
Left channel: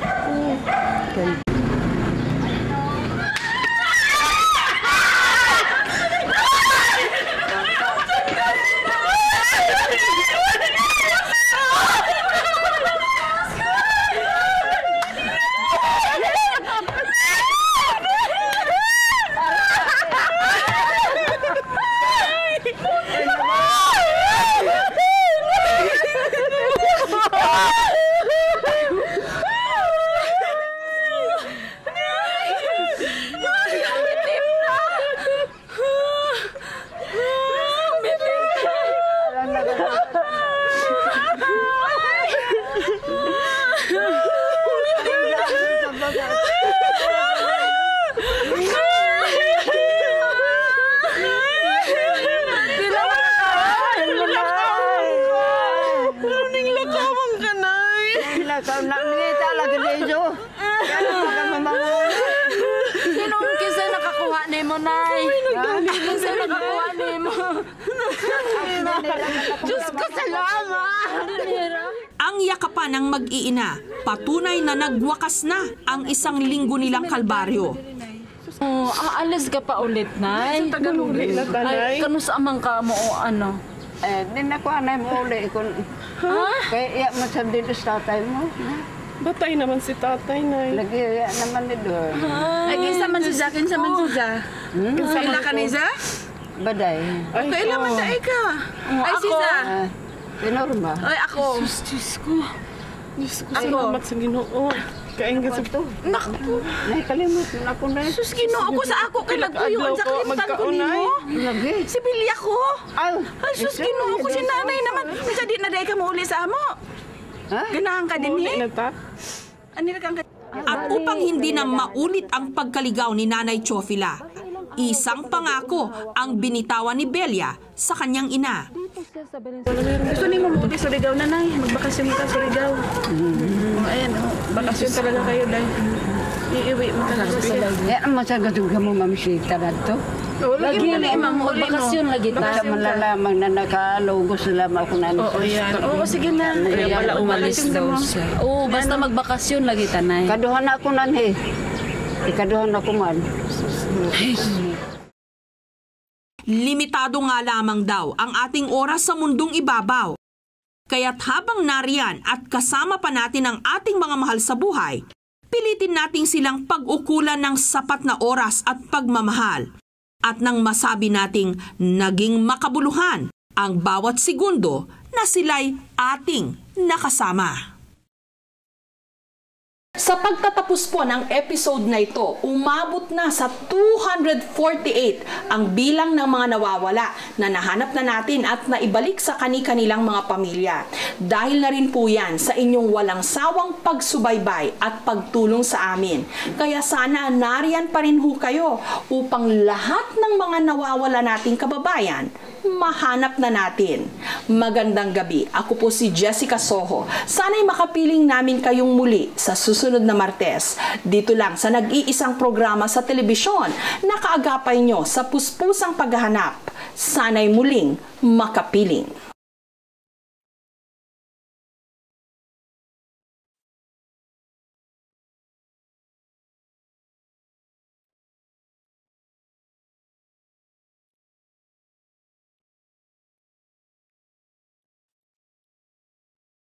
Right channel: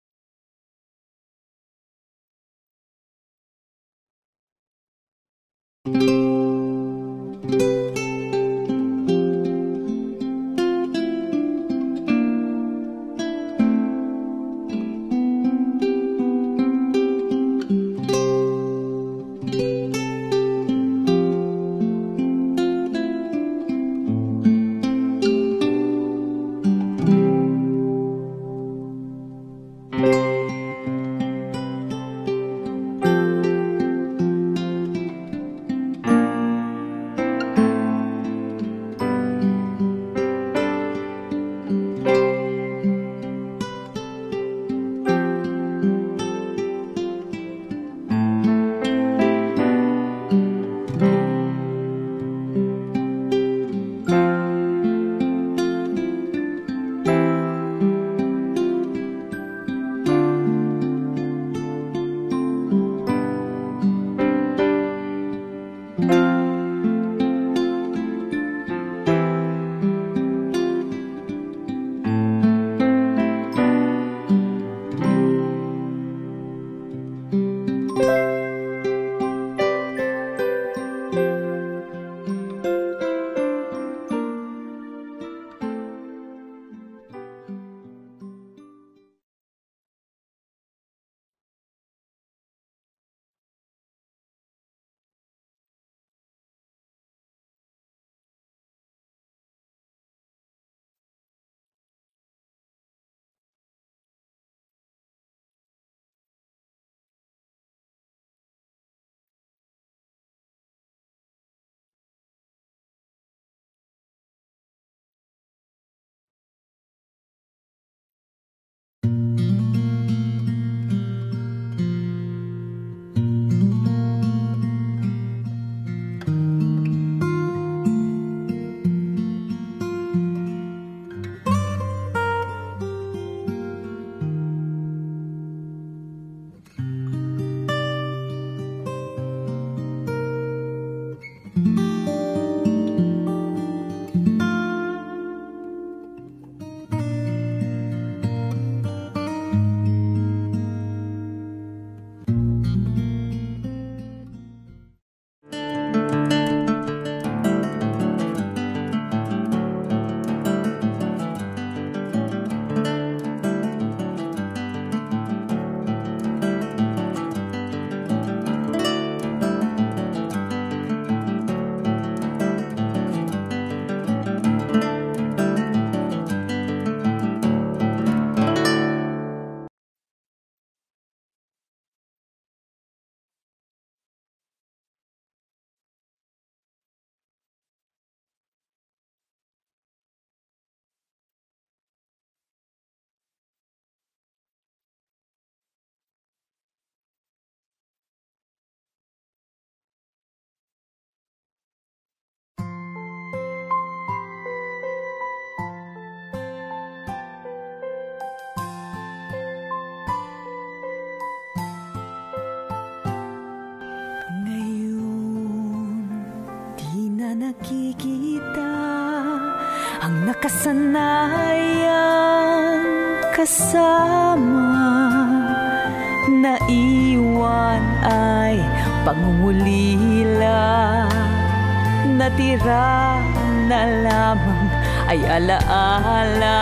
Nang yakapan ng mag-iina, patunay na nagwakas na ang isang linggo nilang kalbaryo. Aalis ka pa ulit, Nay. Ay, kanusamang ka mo o ano? Di na ko anay mo ulit. Kaya iya mo sa dito sa tatay mo. Batay naman si tatay, Nay. Lagi iya naman ni doon. Kinsa man si Za, kinsa man si Za. Kaila ka ni Za? Baday. Kaila man daay ka. Ay, si Za. Norma. Ay, ako. Diyos ko. Salamat sa Ginoo. Kaingat sa ito. Naku. Nay, kalimutan ako na. Sus, Ginoo ko sa ako kay lagpuyon sa kalimutan ko nimo. Lagi. Si Bilya ko. Ay, sus, Ginoo ko si nanay naman. Bisa di na day ka mo uli sa amo. Ganahan ka din eh. At upang hindi na maulit ang pagkaligaw ni Nanay Chofila, isang pangako ang binitawan ni Belia sa kanyang ina. Gusto ni mo mapunta sa Surigao, nanay. Magbakasyon ka sa Surigao. Ayan, bakasyon talaga kayo dahil iiwi mo talaga sa Surigao. Yan ang masagatog ka mo mamisita na ito. Lagi mo na imamuli mo. Bakasyon lagi tayo. Sa malalamang na nakalogo sila ako na. Oo, yan. Oo, sige na. Kaya pala umalis daw siya. Oo, basta magbakasyon lagi, Tanay. Kaduhan ako nan he. Ikaduhan ako man. Limitado nga lamang daw ang ating oras sa mundong ibabaw. Kaya't habang nariyan at kasama pa natin ang ating mga mahal sa buhay, pilitin nating silang pag-ukulan ng sapat na oras at pagmamahal. At nang masabi nating naging makabuluhan ang bawat segundo na sila'y ating nakasama. Sa pagtatapos po ng episode na ito, umabot na sa 248 ang bilang ng mga nawawala na nahanap na natin at naibalik sa kani-kanilang mga pamilya. Dahil na rin po yan sa inyong walang sawang pagsubaybay at pagtulong sa amin. Kaya sana nariyan pa rin ho kayo upang lahat ng mga nawawala nating kababayan mahanap na natin. Magandang gabi. Ako po si Jessica Soho. Sana'y makapiling namin kayong muli sa susunod na Martes. Dito lang sa nag-iisang programa sa telebisyon na kaagapay nyo sa puspusang paghahanap. Sana'y muling makapiling. Ang nakasanayang kasama, naiwan ay pangungulila. Natira na lamang ay alaala.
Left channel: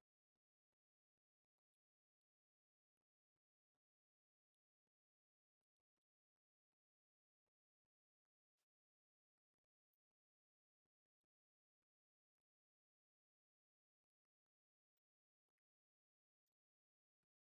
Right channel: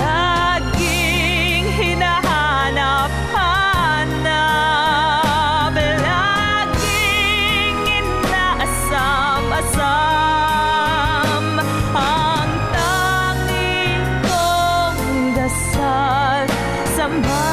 Laging hinahanap-hanap, laging inaasam-asam. Ang tanging kong dasal, samba